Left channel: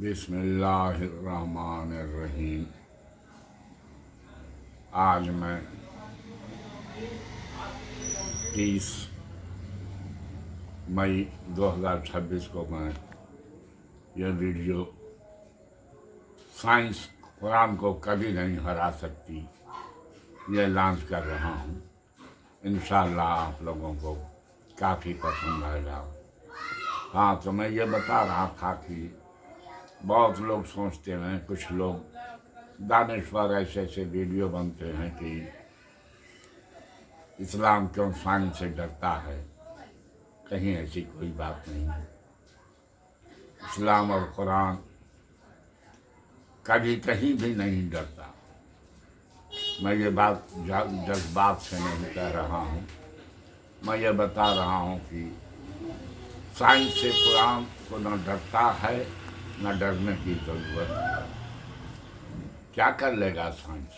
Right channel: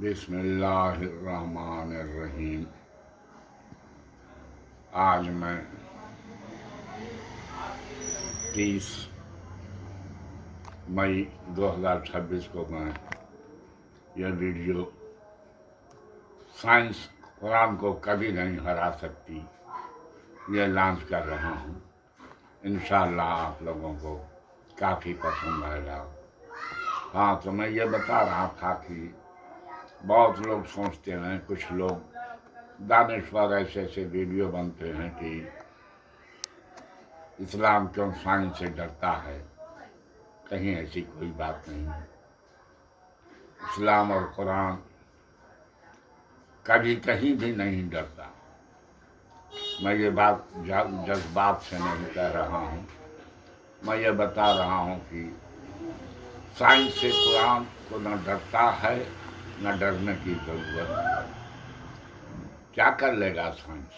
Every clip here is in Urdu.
بسم اللہ الرحمن الرحیم۔ آج میں 30 مئی 2026 کو میں یہ ویڈیو سائنس قرآن کو کبھی نہیں ہرا سکتی یہ لانچ کر رہا ہوں۔ انشاءاللہ آپ لوگوں کو کافی پسند آئے گا۔ ہاں، تو میں یہ بتا رہا تھا کہ بہت لوگ سوچتے ہیں، کچھ لوگ دانشور ایسے ویڈیو بنتے ہیں کہ اسلام کیوں سائنس سے ڈرتا ہے۔ کہیں ایسی کوئی بات نہیں ہے۔ اسلام اور قرآن کبھی کہیں بھی نہیں ڈرتا۔ میں یہ بات جذبات سے نہیں کہہ رہا ہوں، میں یہ بتا رہا ہوں کہ سائنس سے قرآن کو نہ ڈرتا ہے نہ ڈرنے کی ضرورت ہے۔ کیا کر لے گا سائنس؟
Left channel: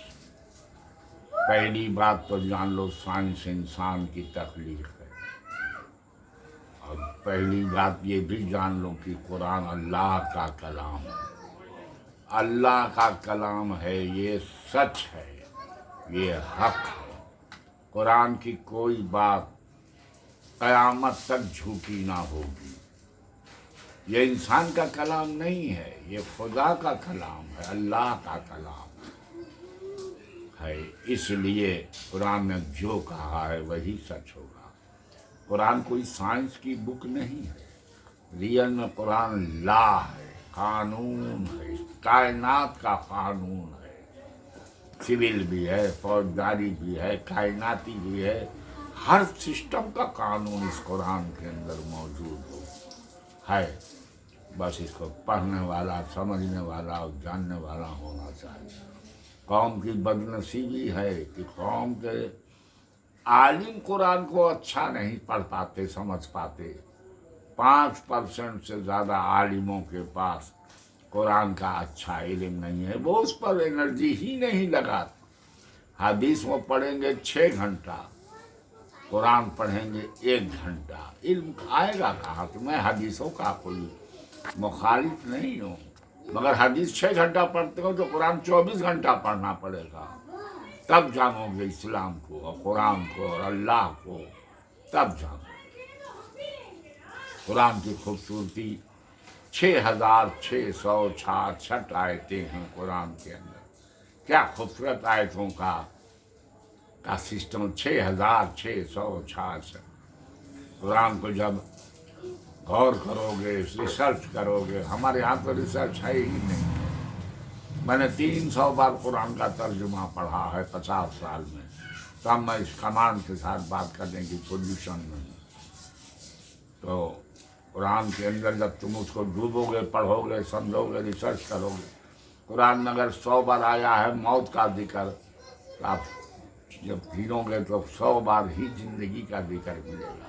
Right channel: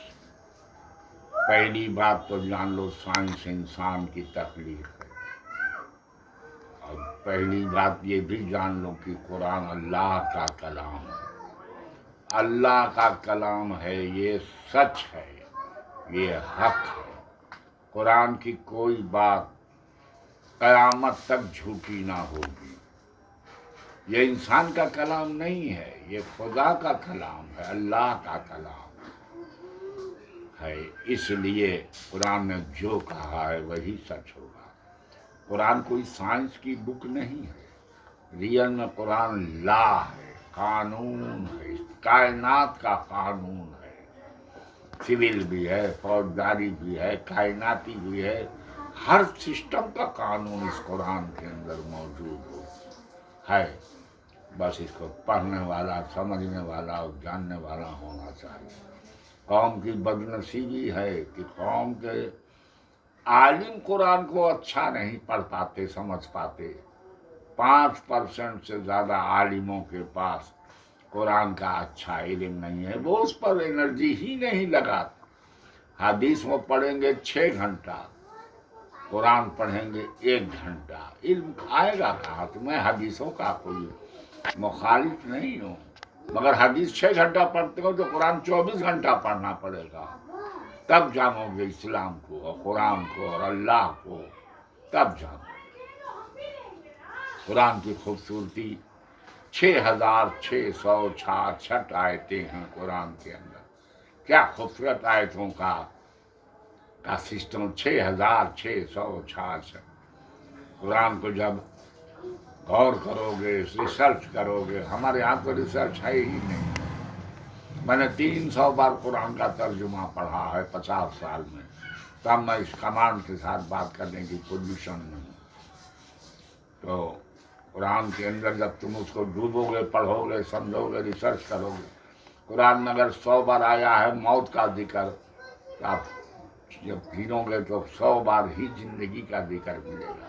پہلی بات تو جان لو، سائنس انسان کی تخلیق ہے۔ اور پہلی بات یہ بھی جان لو کہ قرآن اللہ کا کلام ہے۔ اللہ کا کلام ہے، یہ سچ ہے، یہ حق ہے۔ قرآن کی کوئی بات قیامت تک جھوٹی نہ ہوگی۔ یہ انسان کا کلام نہیں ہے، یہ خدا کا کلام ہے، اللہ کا کلام ہے۔ اس لیے قرآن نے جو کہا ہے وہی سچ ہوگا۔ قرآن کوئی سائنس کی بک نہیں ہے، ریئل میں قرآن لا ہے، قانون ہے، کائنات کا قانون ہے۔ سول بھی ہے، فوجداری بھی ہے، کائناتی بھی ہے، ہر سسٹم کا قانون اس قرآن کے اندر موجود ہے۔ بس اس کو پڑھنے والا، سمجھنے والا اور جاننے والا ہونا چاہیے۔ قوم کی بدنصیبی ہے کہ قوم کے عالم قرآن کو اچھا نہیں پڑھ پاتے، سمجھ پاتے۔ 5% سے زیادہ عالموں کے پاس قرآن کا اچھا علم نہیں ہے، وہ اس پر انرجی ہی نہیں لگاتے۔ حدیث وہ پڑھیں گے 6 گھنٹہ، قرآن پڑھیں گے 1 گھنٹہ، علم آئے گا کہاں؟ کہ میں حدیثوں کا کوئی مخالف نہیں ہوں، مگر حدیث 6 گھنٹہ پڑھتے ہو تو قرآن 24 گھنٹہ پڑھنا پڑے گا، تب جانو گے اسلام کو اور قرآن کو اور اللہ کو، تب جانو۔ قرآن کی خوبصورتی 6666 آیتیں ہیں قرآن کے اندر۔ کیا خوبصورت آیتوں کا سسٹم، 6666۔ قرآن کو جب غور کرو گے، ریسرچ کرو گے، ہمارے یہاں تو ریسرچ ہے ہی نہیں ہے۔ میں نے 300 بار قرآن کا ترجمہ پڑھا ہے 50 سال میں، تب میں اس کمانڈ کے ساتھ بات کرنے کی پوزیشن میں ہوں۔ تو قرآن کے اندر جب تم اس کو ڈوبو گے، پڑھو گے، سمجھو گے، ریسرچ کرو گے، قرآن میں اگر 100 بار آیا ہے موت کا ذکر، تو آپ جب گنو گے تو 100 بار ہی زندگی کا ذکر ملے گا۔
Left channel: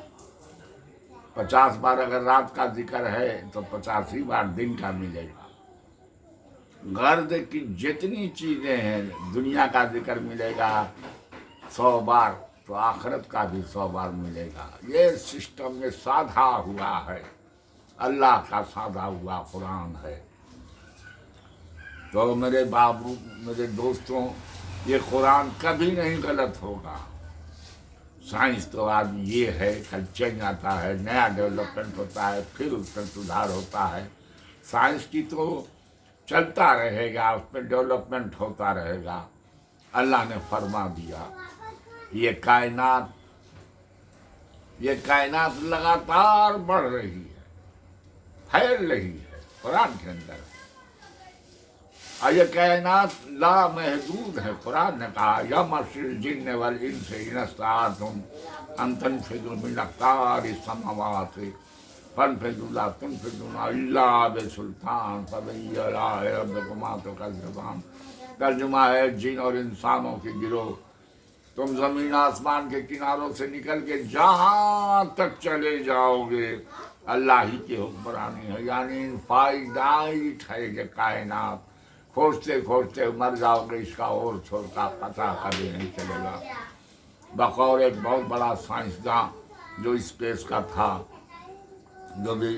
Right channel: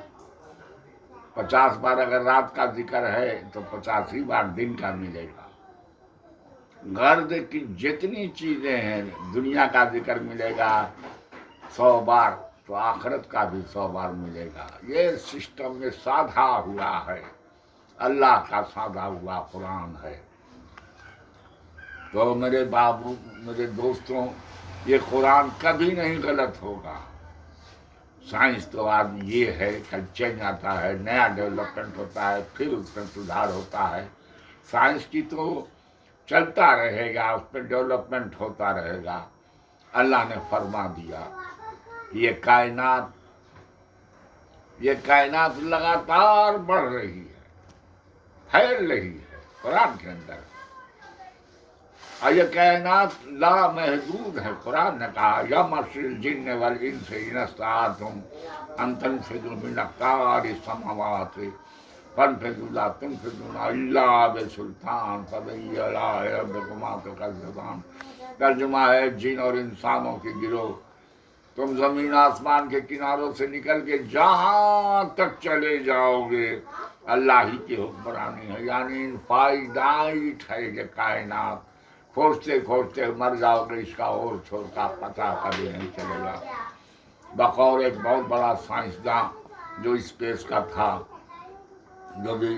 50 بار اگر رات کا ذکر ہے تو 85 بار دن کا ملے گا۔ غرض کی جتنی چیزیں ہیں، دنیا کا ذکر ملے گا 100 بار، تو آخرت کا بھی 100 بار ملے گا۔ یہ سسٹم، یہ سادھا ہوا ہے، اللہ کا سادھا ہوا قرآن ہے۔ تو میرے بابو، میرے دوستوں، یہ قرآن کبھی نہیں غلط ہوگا۔ سائنس تو آج یہ ہے، کل چینج آتا ہے، نیا ڈیولپمنٹ ہوتا ہے، پھر اس میں سدھار ہوتا ہے۔ سائنس کی تو چلتا رہے گا، اس میں ڈیولپمنٹ ہوتا رہے گا۔ اللہ نے فرما دیا، یہ کائنات لگاتار بڑھ رہی ہے، پھیل رہی ہے قرآن کے اندر۔ اور یہ کائنات لامحدود ہے۔ قرآن نے کہا، یا معشر الجن والانس ان استطعتم ان تنفذوا من اقطار السماوات فانفذوا لا تنفذون الا بسلطان فبأي آلاء ربكما تكذبان۔ ترجمہ ہے، جن اور انسانوں کی گروہ، تم زمین آسمان کے کناروں سے نکل کے جہاں تک چلے جاؤ گے، اللہ ہی کی حکمرانی ہے۔ یعنی فائنائٹ ہے یہ کائنات، کھوجتے کھوجتے مر جاؤ گے، اس کا اور چھوڑ کا پتہ کبھی نہیں چلے گا۔ بقول ایک بہت بڑا سائنسداں جو اسپیس کا تھا، جو بھی